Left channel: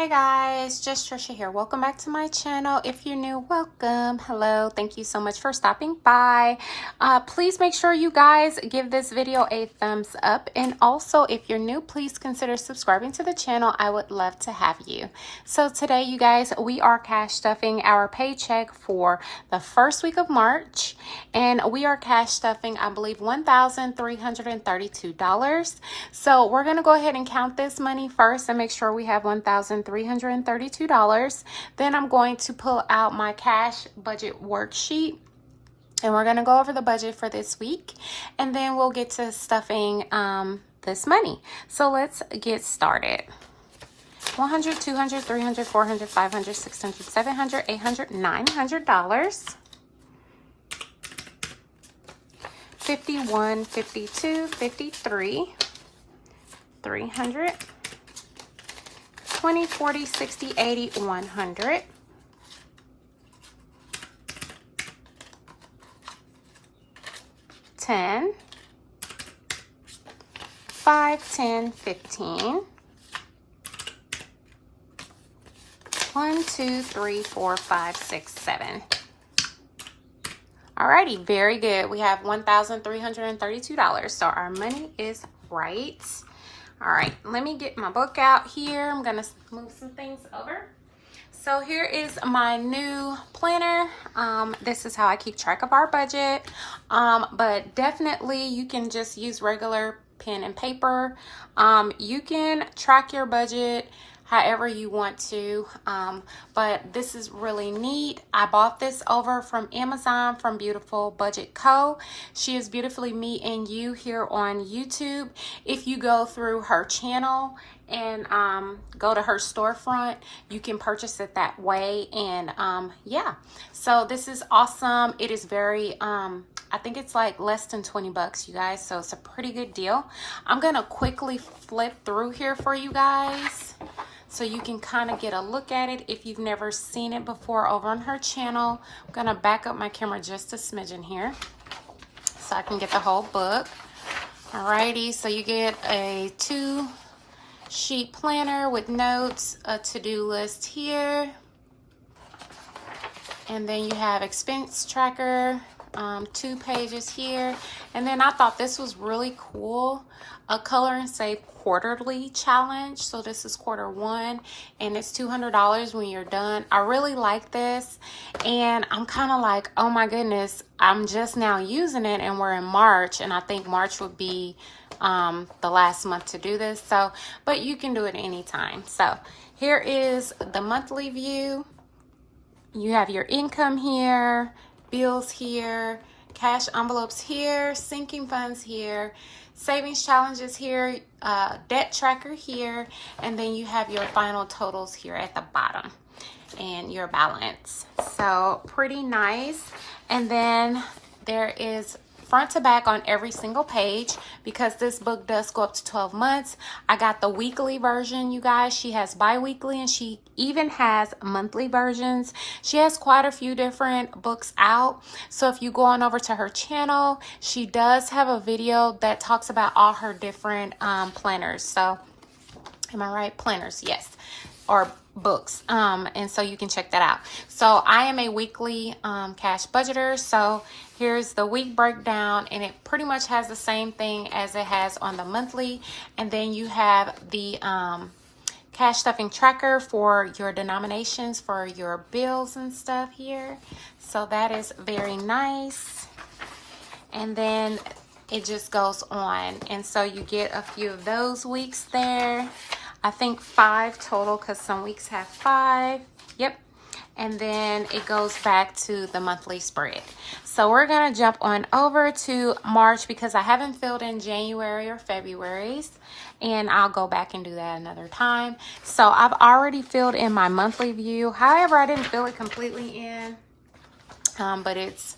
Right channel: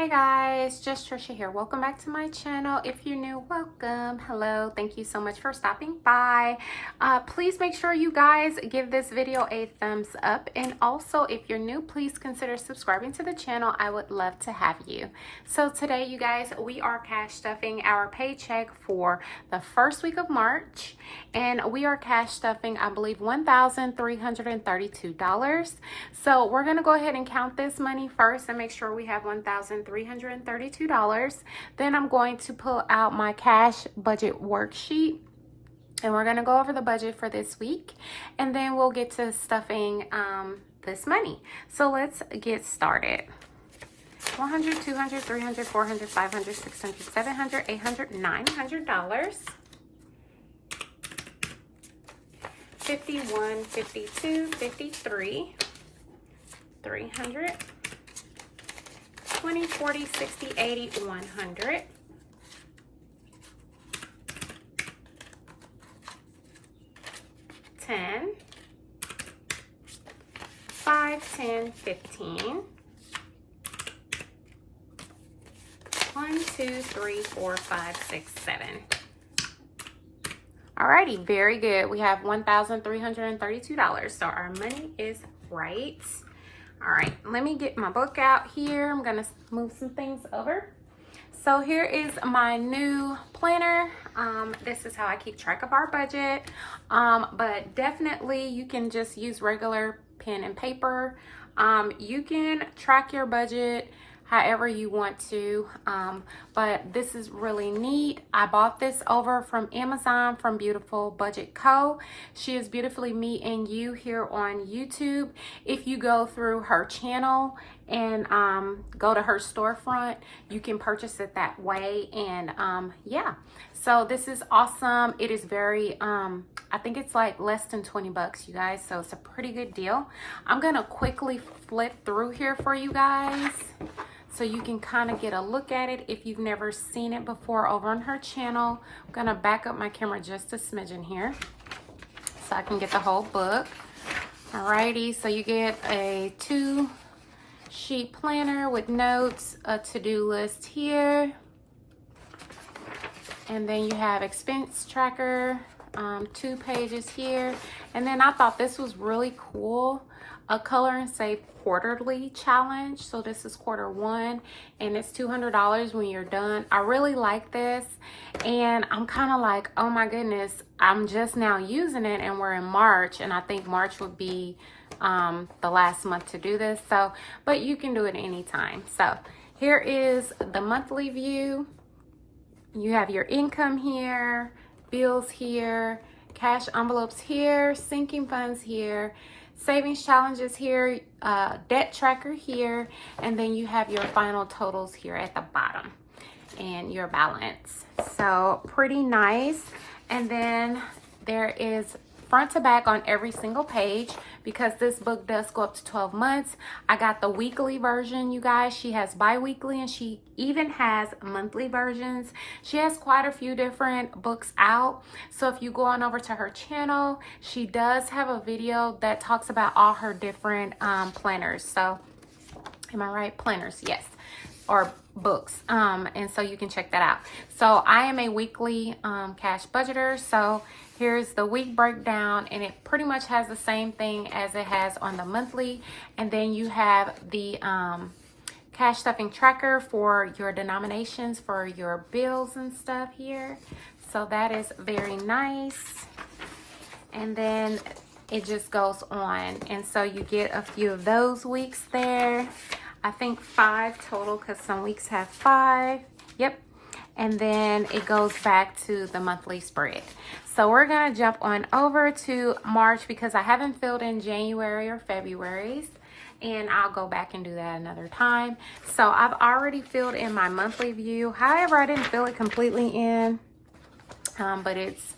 Hey guys, just Trisha here. Welcome back to my channel. If you're new, welcome. Hello, thank you so much for stopping by. Please make sure you guys give this video a thumbs up, and also if you're new, please consider subscribing to the channel. I would love to have you. So today, you guys, we are cash stuffing our paycheck for the first week of March, and we are cash stuffing, I believe, $1,332. So we're gonna go ahead and count this money first and make sure we have $1,332. Then I'm going to pull out my cash budget worksheet, and we're going to go over the budget for this week, and then we'll get to stuffing this money. So let's get started. 100, 200, 300, 400, 500, 600, 700, 800, $900. 51, 52, 53, 300, 20, 40, 60, 80, 100, 10, 5, 10, 15, 1, 2, 3, 4, 5, 6, 7. Alrighty, very good. We have $1,332. So our money is right. All right, let me get my book out here. I'm gonna move some things over. So here is my new planner. This is how I keep track of our budget. But definitely you can just use regular pen and paper. You can track your budget however you want to, but this is really neat. I bought this over from Amazon from Beautiful Budget Co. She is Beautifully Me and You here on YouTube. If you go through her channel and go to her storefront, you can purchase it that way. And yeah, so this is awesome. It is very I think it's like less than 20 bucks, you guys, so it's a pretty good deal. I'm gonna quickly flip through here for you guys so you can kind of get a look at it if you've never seen it before over on her channel. I'm gonna back up my camera just a smidgen here so I can get the whole book. Alrighty, so you get a 2-sheet planner with notes, a to-do list here, and then you have expense tracker, 2 pages here. And then I thought this was really cool, a color and save quarterly challenge. So this is quarter 1 and it's $200 when you're done. I really like this, and I'm kind of like, oh my goodness, I'm just now using it and we're in March, and I think March would be the last month to do this. So, but you can do it anytime. So here is the monthly view. You have your income here, bills here, cash envelopes here, sinking funds here, savings challenges here, debt tracker here, and then you have your final totals here at the bottom and your balance. So pretty nice. And then there is front to back on every single page, because this book does go up to 12 months. I got the weekly version, you guys. She has bi-weekly, and she even has monthly versions. She has quite a few different books out. So if you go on over to her channel, she does have a video that talks about all her different planners. So am I right? Planners, yes, or books. And so you can check that out. So I am a weekly cash budgeter. So here's the week breakdown, and it pretty much has the same thing as it has on the monthly. And then you have the cash stuffing tracker for your denominations for your bills and stuff here. So that is very nice. And then it just goes on. And so you get a few of those weeks there. I think 5 total, because some weeks have 5. Yep. And then it goes back to the monthly spread. So we're going to jump on over to March, because I haven't filled in January or February's, and I'll go back and do that another time. So I've already filled in my monthly view. However, I didn't fill it completely in, but it's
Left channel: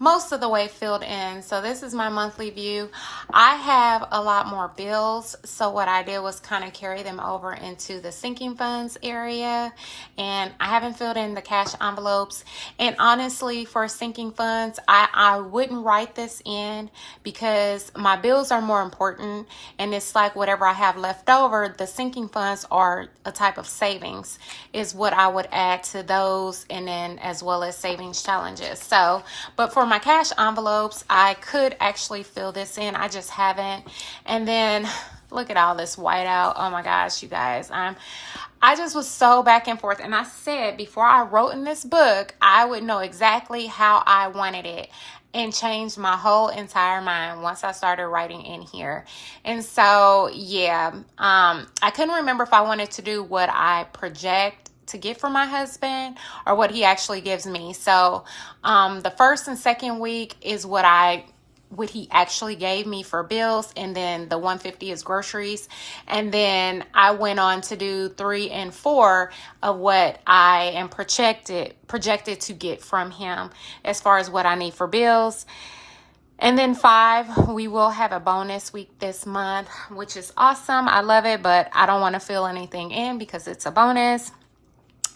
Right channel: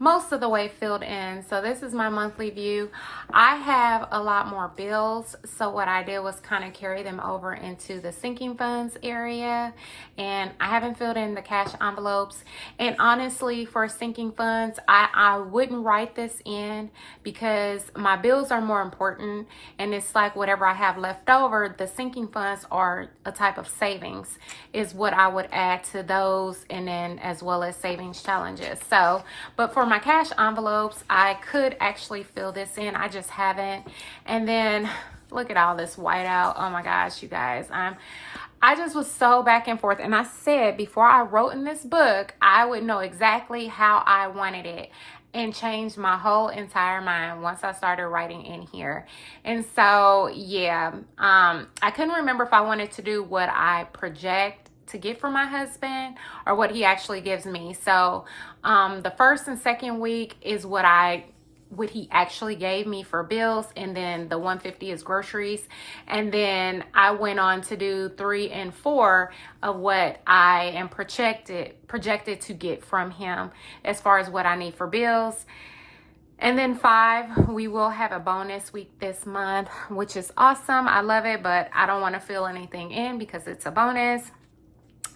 most of the way filled in. So this is my monthly view. I have a lot more bills, so what I did was kind of carry them over into the sinking funds area, and I haven't filled in the cash envelopes. And honestly, for sinking funds, I wouldn't write this in because my bills are more important, and it's like whatever I have left over, the sinking funds are a type of savings is what I would add to those, and then as well as savings challenges. So but for my cash envelopes, I could actually fill this in. I just haven't. And then look at all this whiteout. Oh my gosh, you guys. I just was so back and forth. And I said before I wrote in this book, I would know exactly how I wanted it, and changed my whole entire mind once I started writing in here. And so, yeah, I couldn't remember if I wanted to do what I project to get for my husband or what he actually gives me. So the first and second week is what he actually gave me for bills, and then the 150 is groceries. And then I went on to do 3 and 4 of what I am projected to get from him as far as what I need for bills. And then 5, we will have a bonus week this month, which is awesome. I love it, but I don't want to fill anything in because it's a bonus.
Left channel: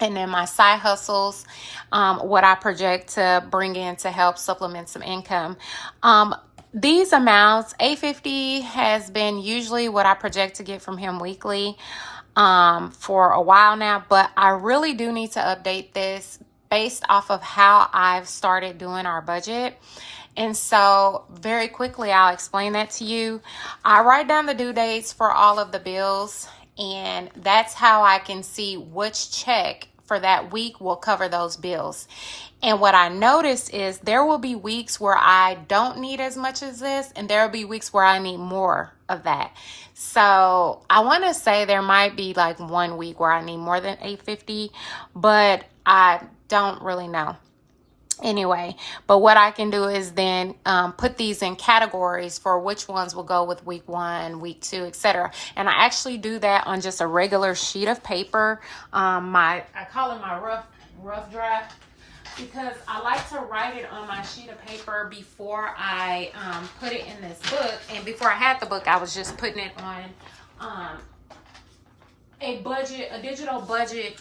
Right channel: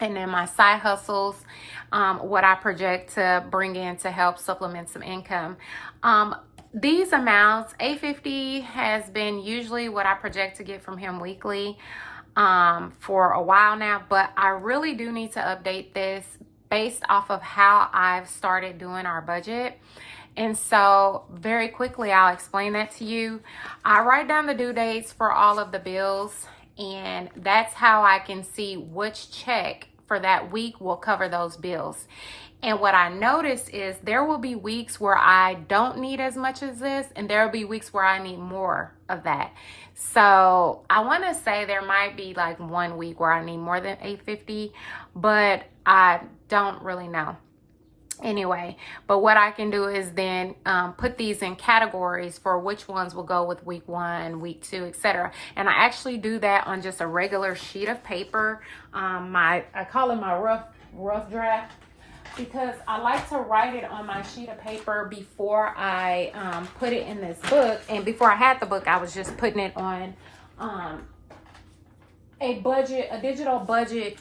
And then my side hustles, what I project to bring in to help supplement some income. These amounts, $850 has been usually what I project to get from him weekly for a while now. But I really do need to update this based off of how I've started doing our budget. And so very quickly, I'll explain that to you. I write down the due dates for all of the bills, and that's how I can see which check for that week will cover those bills. And what I noticed is there will be weeks where I don't need as much as this, and there will be weeks where I need more of that. So I want to say there might be like one week where I need more than $850, but I don't really know. Anyway, but what I can do is then put these in categories for which ones will go with week 1, week 2, etc. And I actually do that on just a regular sheet of paper. I call it my rough draft, because I like to write it on my sheet of paper before I put it in this book. And before I had the book, I was just putting it on a digital budget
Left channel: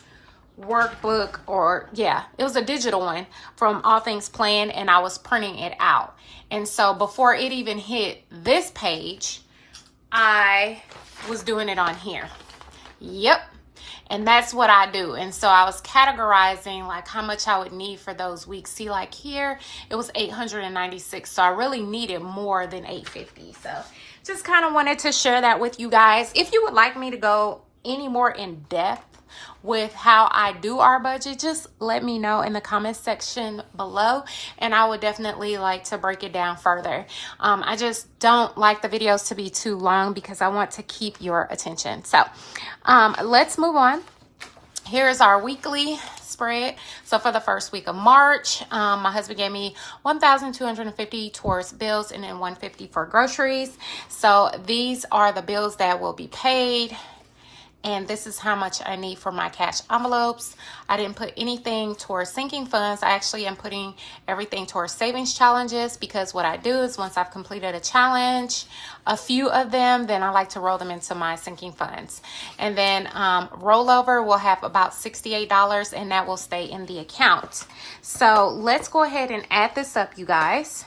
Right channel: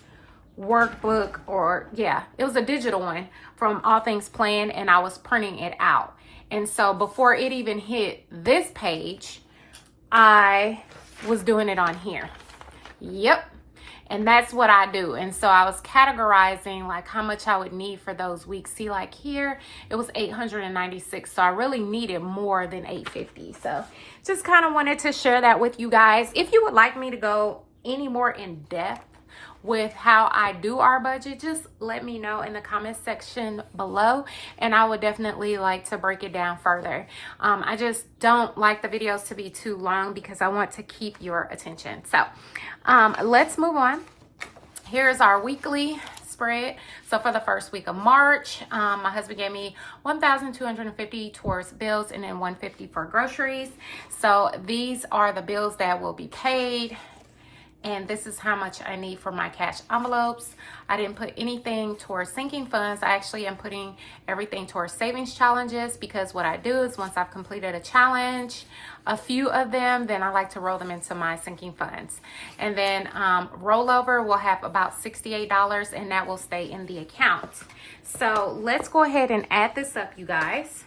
workbook, or it was a digital one from All Things Planned, and I was printing it out. And so before it even hit this page, I was doing it on here. Yep. And that's what I do. And so I was categorizing like how much I would need for those weeks. See, like here, it was $896. So I really needed more than $850. So just kind of wanted to share that with you guys. If you would like me to go any more in depth with how I do our budget, just let me know in the comment section below, and I would definitely like to break it down further. I just don't like the videos to be too long because I want to keep your attention. So let's move on. Here's our weekly spread. So for the first week of March, my husband gave me $1,250 towards bills, and then $150 for groceries. So these are the bills that will be paid, and this is how much I need for my cash envelopes. I didn't put anything towards sinking funds. I actually am putting everything towards savings challenges, because what I do is once I've completed a challenge, a few of them, then I like to roll them into my sinking funds. And then rollover will have about $68, and that will stay in the account. So let's go ahead and add this up, you guys.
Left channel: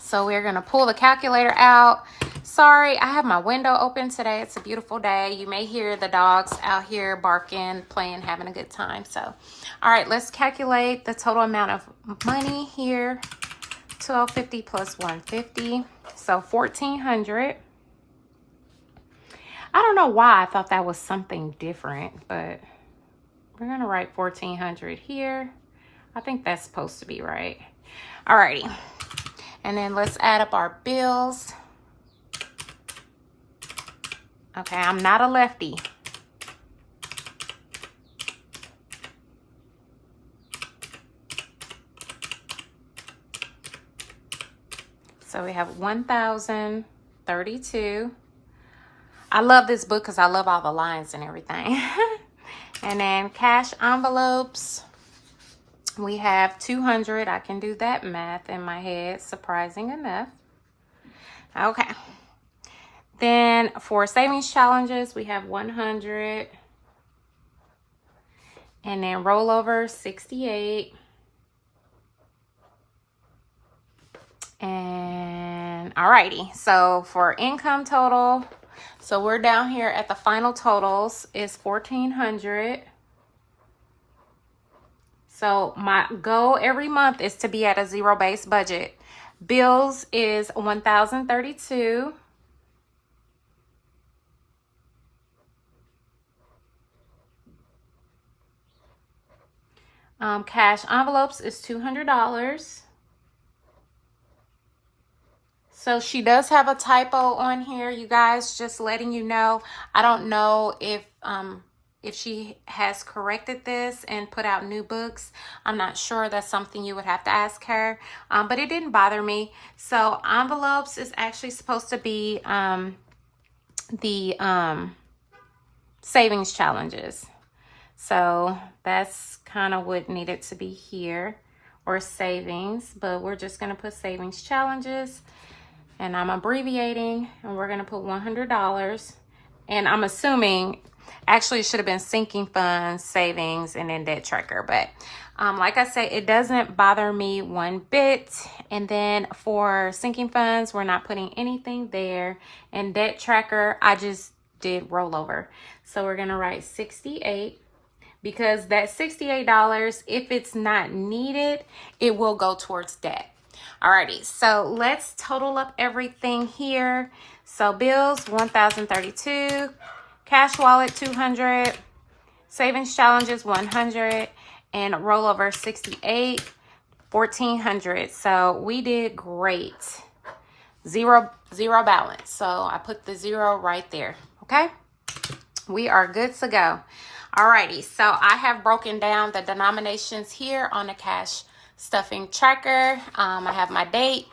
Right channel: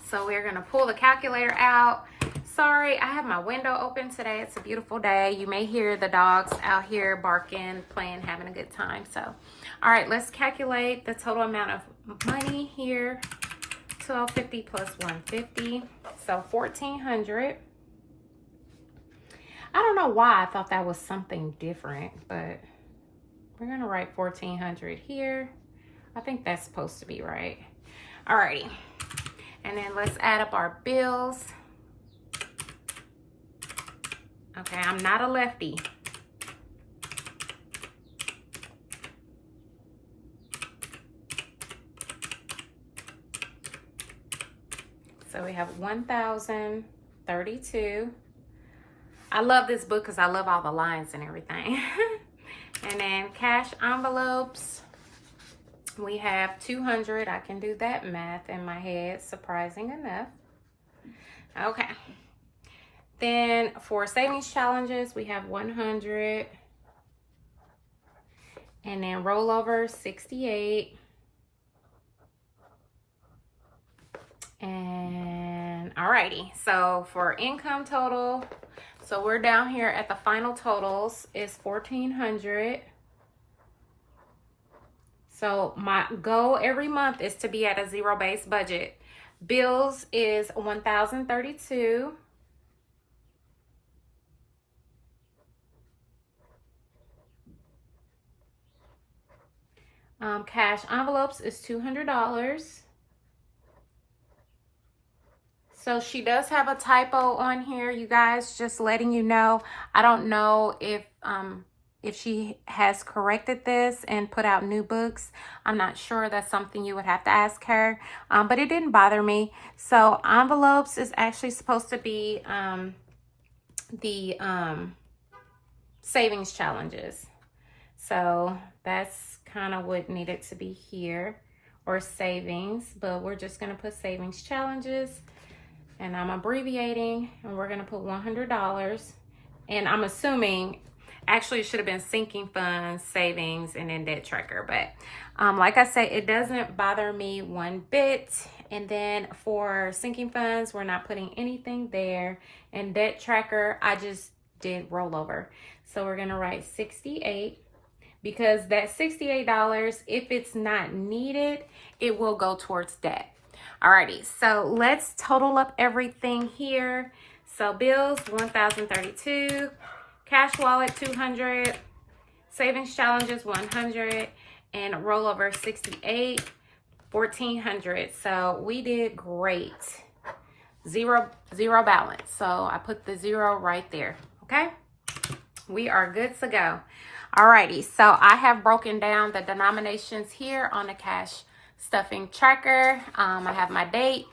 So we're gonna pull the calculator out. Sorry, I have my window open today. It's a beautiful day. You may hear the dogs out here barking, playing, having a good time. So, all right, let's calculate the total amount of money here. $1,250 plus $150, so $1,400. I don't know why I thought that was something different, but we're gonna write $1,400 here. I think that's supposed to be right. All righty. And then let's add up our bills. Okay, I'm not a lefty. So we have 1,032. I love this book because I love all the lines and everything. And then cash envelopes. We have 200. I can do that math in my head, surprising enough. Okay. Then for savings challenges, we have 100. And then rollover 68. And alrighty, so for income total, so we're down here at the final totals is 1,400. So my goal every month is to be at a zero-based budget. Bills is 1,032. Cash envelopes is $200. So she does have a typo on here, you guys, just letting you know. I don't know if she has corrected this and put out new books. I'm not sure. That's something you would have to ask her. But it didn't bother me. So envelopes is actually supposed to be the savings challenges. So that's kind of what needed to be here, or savings, but we're just going to put savings challenges. And I'm abbreviating, and we're going to put $100. And I'm assuming, actually it should have been sinking funds, savings, and then debt tracker. But like I said, it doesn't bother me one bit. And then for sinking funds, we're not putting anything there. And debt tracker, I just did rollover. So we're going to write 68. Because that $68, if it's not needed, it will go towards debt. Alrighty, so let's total up everything here. So bills, 1,032, cash wallet, 200, savings challenges, 100, and rollover 68, 1,400. So we did great. Zero balance. So I put the 0 right there. Okay, we are good to go. Alrighty, so I have broken down the denominations here on the cash stuffing tracker. I have my date.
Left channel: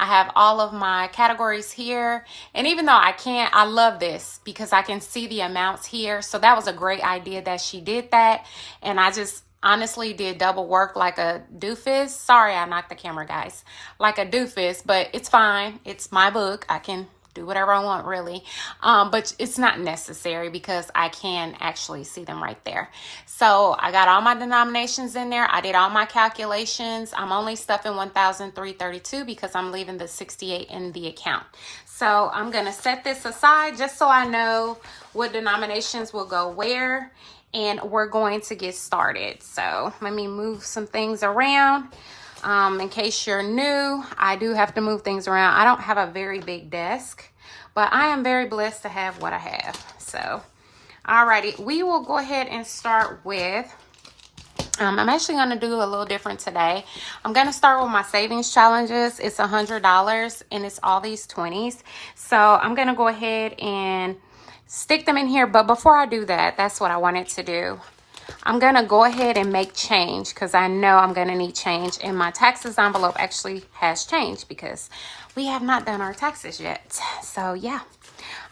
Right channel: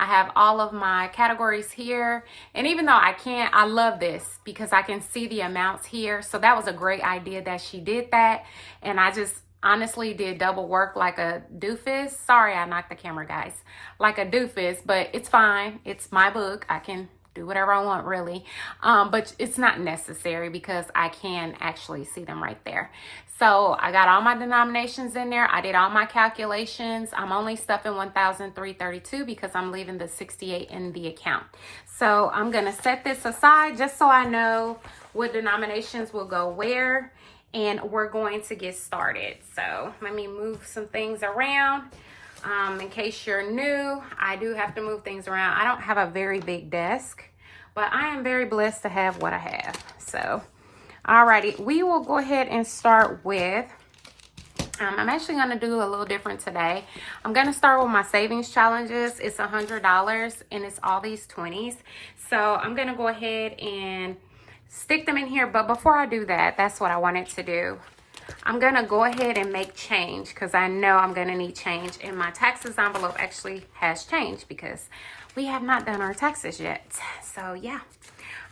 I have all of my categories here. And even though I love this because I can see the amounts here. So that was a great idea that she did that. And I just honestly did double work like a doofus. Sorry, I knocked the camera, guys. Like a doofus, but it's fine. It's my book. I can do whatever I want, really. But it's not necessary because I can actually see them right there. So I got all my denominations in there. I did all my calculations. I'm only stuffing 1,332 because I'm leaving the 68 in the account. So I'm going to set this aside just so I know what denominations will go where, and we're going to get started. So let me move some things around. In case you're new, I do have to move things around. I don't have a very big desk, but I am very blessed to have what I have. So, alrighty, we will go ahead and start with, I'm actually going to do a little different today. I'm going to start with my savings challenges. It's $100 and it's all these 20s. So I'm going to go ahead and stick them in here. But before I do that, that's what I wanted to do. I'm going to go ahead and make change because I know I'm going to need change. And my taxes envelope actually has change because we have not done our taxes yet. So, yeah.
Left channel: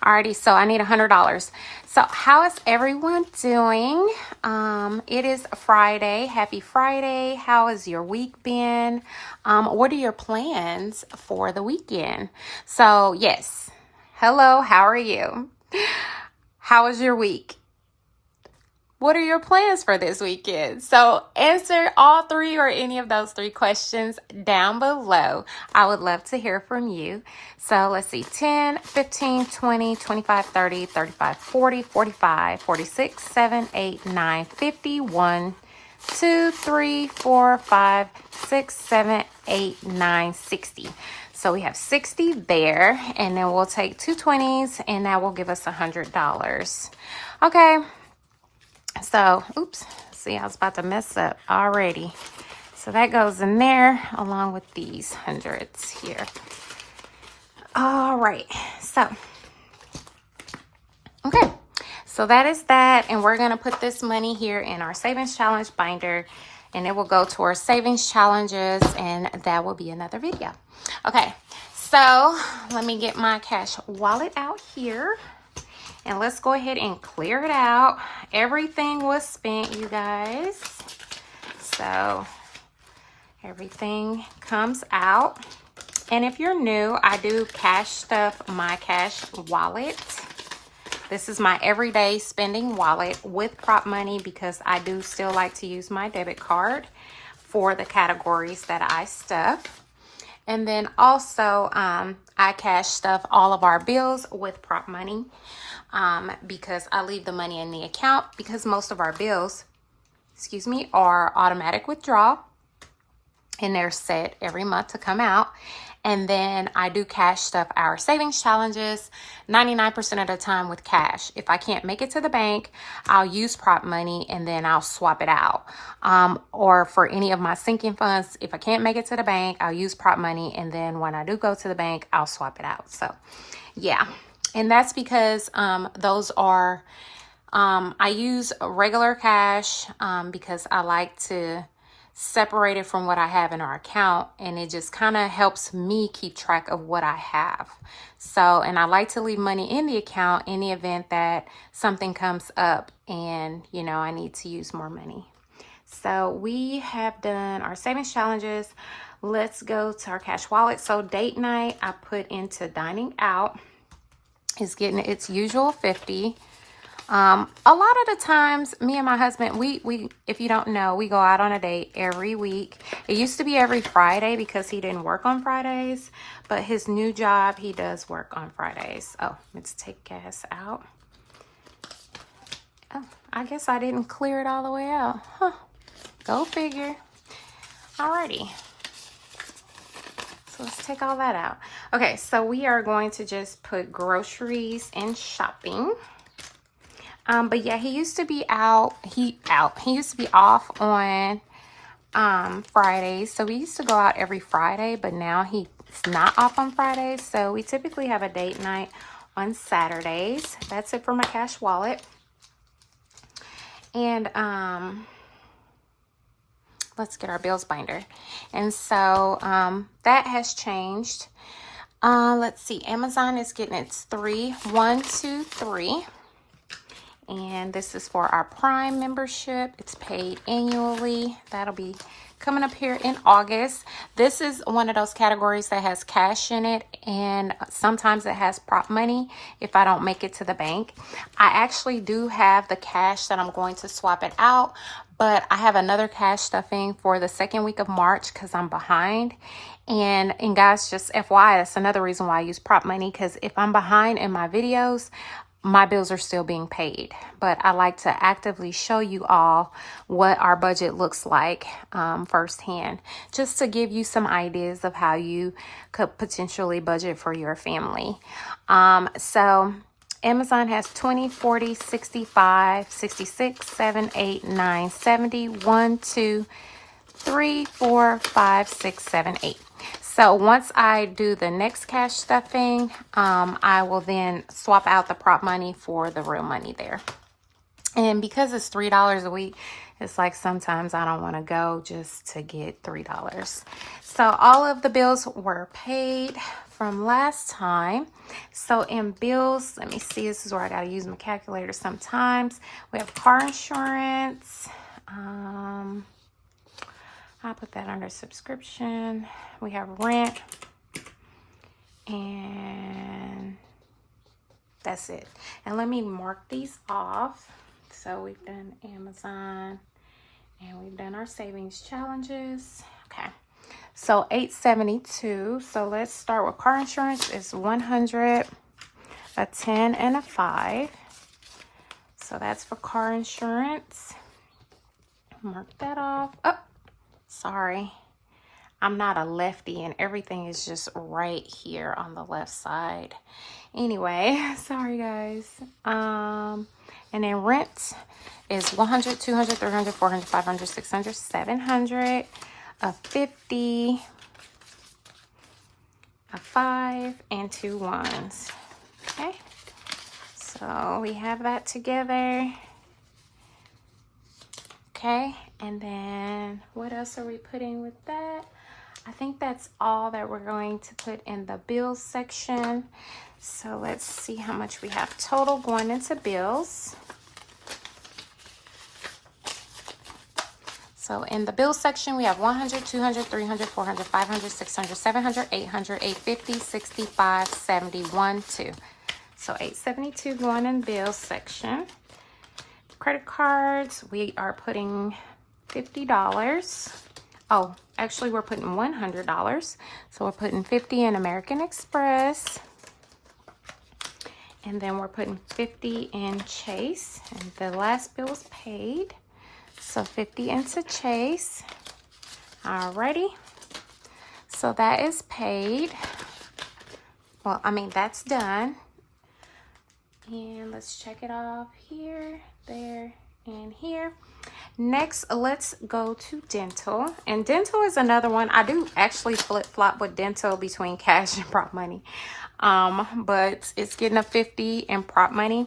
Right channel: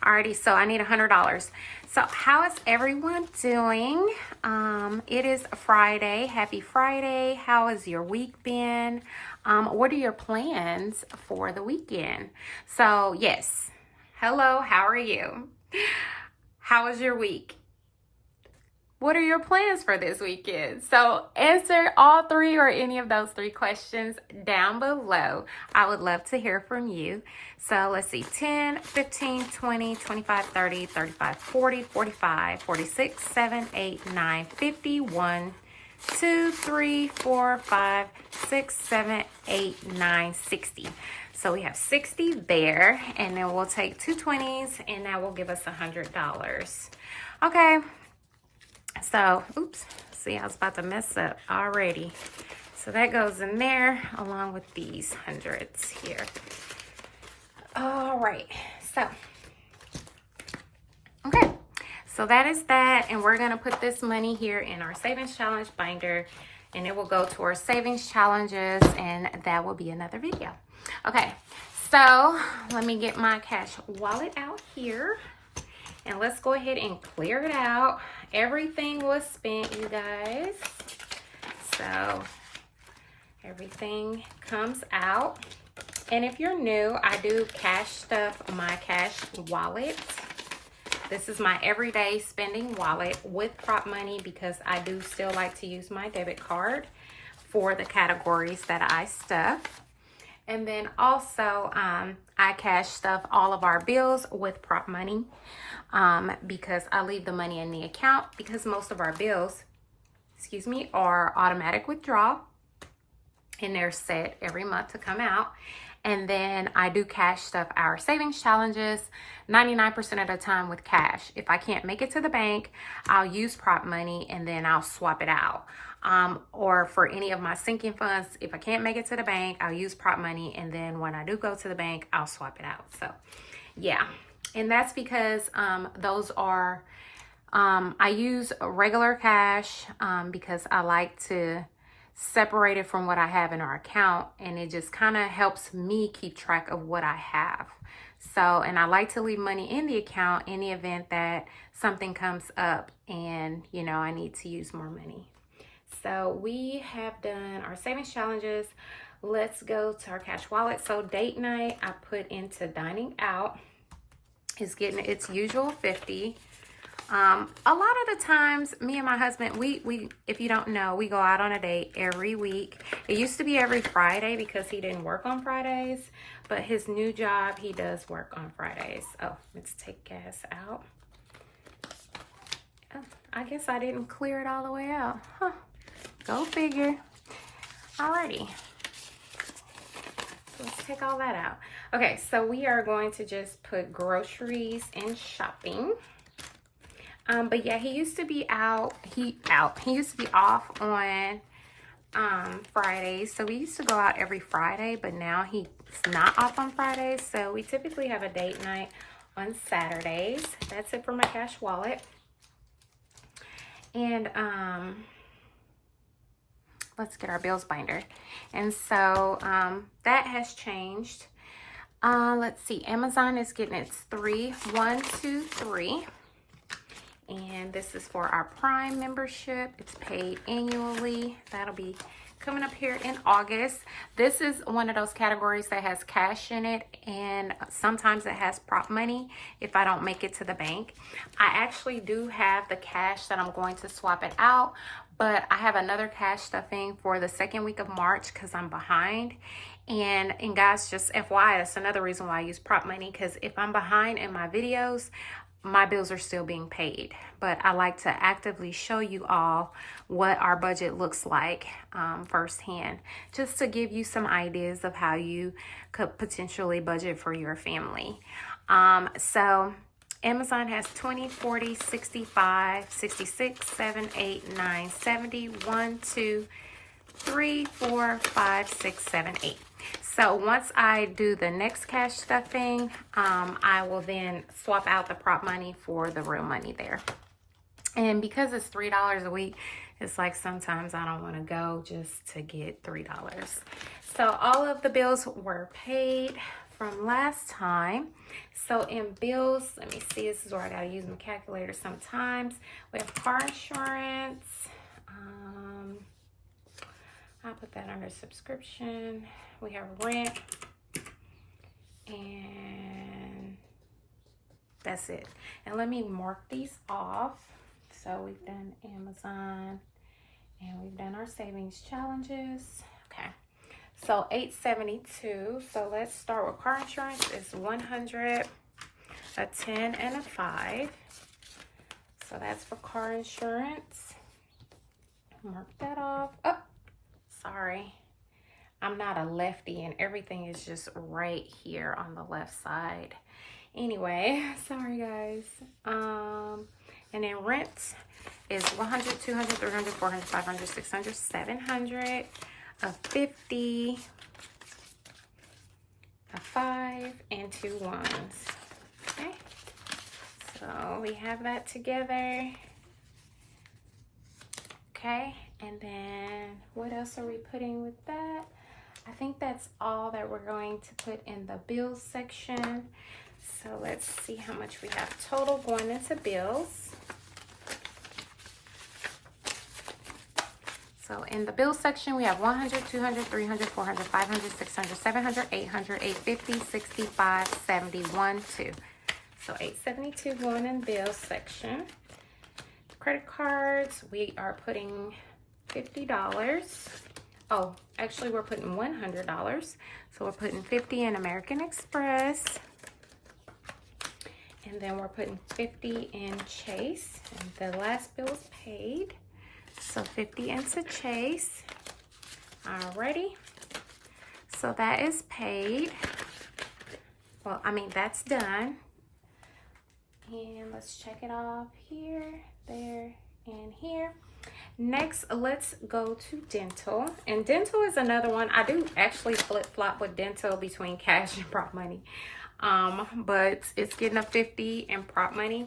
Alrighty, so I need $100. So, how is everyone doing? It is Friday. Happy Friday. How has your week been? What are your plans for the weekend? So, yes. Hello, how are you? How was your week? What are your plans for this weekend? So answer all 3 or any of those 3 questions down below. I would love to hear from you. So let's see, 10, 15, 20, 25, 30, 35, 40, 45, 46, 7, 8, 9, 50, 1, 2, 3, 4, 5, 6, 7, 8, 9, 60. So we have 60 there, and then we'll take 2 20s, and that will give us $100. Okay. So, oops, see, I was about to mess up already. So that goes in there along with these hundreds here. All right, so, okay. So that is that, and we're going to put this money here in our savings challenge binder, and it will go to our savings challenges, and that will be another video. Okay, so let me get my cash wallet out here. And let's go ahead and clear it out. Everything was spent, you guys. So Everything comes out. And if you're new, I do cash stuff on my cash wallet. This is my everyday spending wallet with prop money because I do still like to use my debit card for the categories that I stuff. And then also, I cash stuff all of our bills with prop money because I leave the money in the account because most of our bills, are automatic withdrawal and they're set every month to come out. And then I do cash stuff our savings challenges 99% of the time with cash. If I can't make it to the bank, I'll use prop money and then I'll swap it out. Or for any of my sinking funds, if I can't make it to the bank, I'll use prop money. And then when I do go to the bank, I'll swap it out. So yeah, and that's because those are, I use regular cash because I like to separate it from what I have in our account, and it just kind of helps me keep track of what I have. So, and I like to leave money in the account in the event that something comes up and, you know, I need to use more money. So we have done our savings challenges. Let's go to our cash wallet. So date night, I put into dining out. It's getting its usual 50. A lot of the times, me and my husband, we if you don't know, we go out on a date every week. It used to be every Friday because he didn't work on Fridays, but his new job, he does work on Fridays. Oh, let's take gas out. Oh, I guess I didn't clear it all the way out. Huh. Go figure. Alrighty. So let's take all that out. Okay, so we are going to just put groceries and shopping. But yeah, he used to be out. He used to be off on Fridays. So we used to go out every Friday, but now he's not off on Fridays. So we typically have a date night on Saturdays. That's it for my cash wallet. And let's get our bills binder. And so that has changed. Let's see. Amazon is getting its 3, 1, 2, 3. And this is for our Prime membership. It's paid annually. That'll be coming up here in August. This is one of those categories that has cash in it, and sometimes it has prop money if I don't make it to the bank. I actually do have the cash that I'm going to swap it out, but I have another cash stuffing for the second week of March because I'm behind. And guys, just FYI, that's another reason why I use prop money, because if I'm behind in my videos, my bills are still being paid. But I like to actively show you all what our budget looks like firsthand, just to give you some ideas of how you could potentially budget for your family. So Amazon has 20, 40, 65, 66, 7, 8, 9, 70, 1, 2, 3, 4, 5, 6, 7, 8. So once I do the next cash stuffing, I will then swap out the prop money for the real money there. And because it's $3 a week, it's like sometimes I don't want to go just to get $3. So all of the bills were paid from last time. So in bills, let me see, this is where I got to use my calculator sometimes. We have car insurance. I'll put that under subscription. We have rent, and that's it. And let me mark these off. So we've done Amazon, and we've done our savings challenges. Okay, so $872. So let's start with car insurance. It's $100, a 10, and a 5. So that's for car insurance. Mark that off. Oh, sorry. I'm not a lefty and everything is just right here on the left side. Anyway, sorry guys. And then rent is 100, 200, 300, 400, 500, 600, 700, a 50, a 5, and 2 1s. Okay. So we have that together. Okay, and then what else are we putting with that? I think that's all that we're going to put in the bills section. So let's see how much we have total going into bills. So in the bill section, we have 100, 200, 300, 400, 500, 600, 700, 800, 850, 65, 71, 2. So 872 going in bill section. Credit cards, we are putting $50. Oh, actually we're putting $100. So we're putting 50 in American Express. And then we're putting 50 in Chase. And the last bill is paid. So 50 into Chase. Alrighty. So that is paid. Well, I mean, that's done. And let's check it off here, there, and here. Next, let's go to dental. And dental is another one. I do actually flip-flop with dental between cash and prop money. But it's getting a 50 in prop money.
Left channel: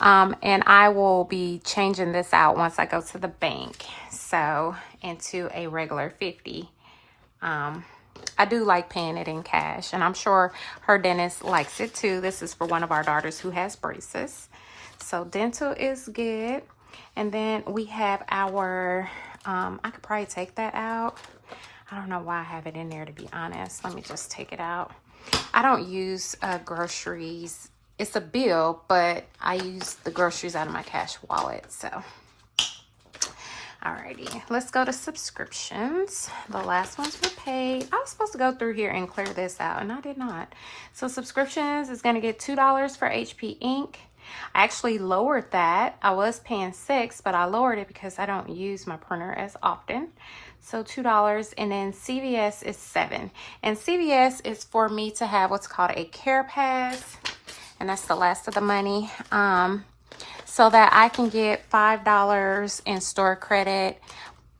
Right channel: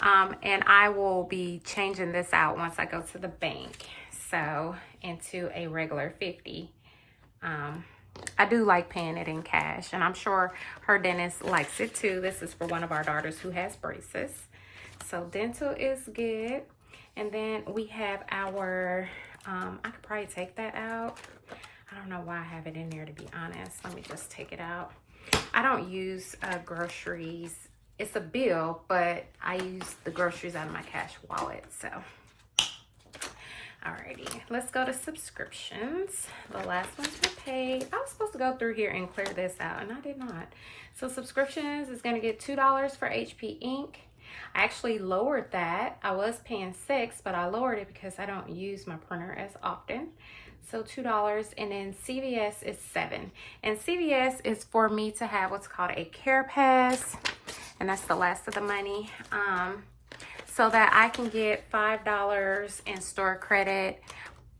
And I will be changing this out once I go to the bank. So into a regular 50. I do like paying it in cash, and I'm sure her dentist likes it too. This is for one of our daughters who has braces. So dental is good. And then we have our, I could probably take that out. I don't know why I have it in there, to be honest. Let me just take it out. I don't use groceries. It's a bill, but I use the groceries out of my cash wallet. So, alrighty, let's go to subscriptions. The last ones were paid. I was supposed to go through here and clear this out, and I did not. So subscriptions is going to get $2 for HP ink. I actually lowered that. I was paying $6, but I lowered it because I don't use my printer as often. So $2, and then CVS is $7. And CVS is for me to have what's called a care pass, and that's the last of the money. So that I can get $5 in store credit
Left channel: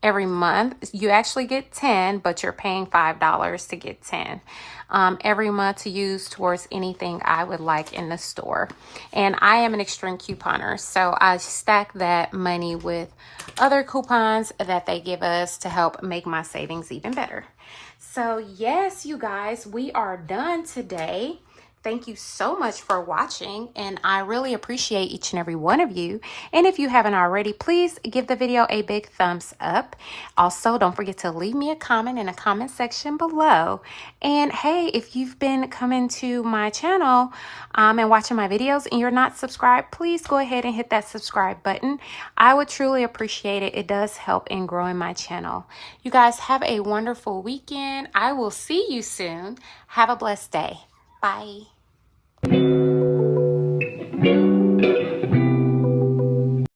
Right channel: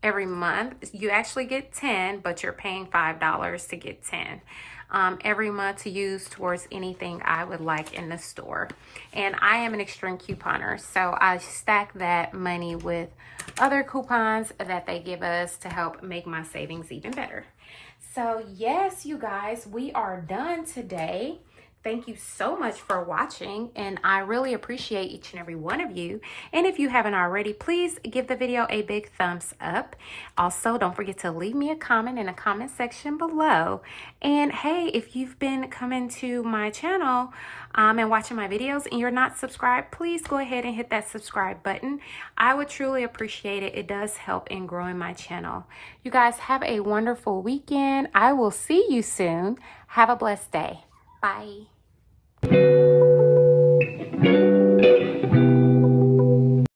every month. You actually get 10, but you're paying $5 to get 10 every month to use towards anything I would like in the store. And I am an extreme couponer, so I stack that money with other coupons that they give us to help make my savings even better. So yes, you guys, we are done today. Thank you so much for watching, and I really appreciate each and every one of you. And if you haven't already, please give the video a big thumbs up. Also, don't forget to leave me a comment in the comment section below. And hey, if you've been coming to my channel and watching my videos and you're not subscribed, please go ahead and hit that subscribe button. I would truly appreciate it. It does help in growing my channel. You guys have a wonderful weekend. I will see you soon. Have a blessed day. Bye.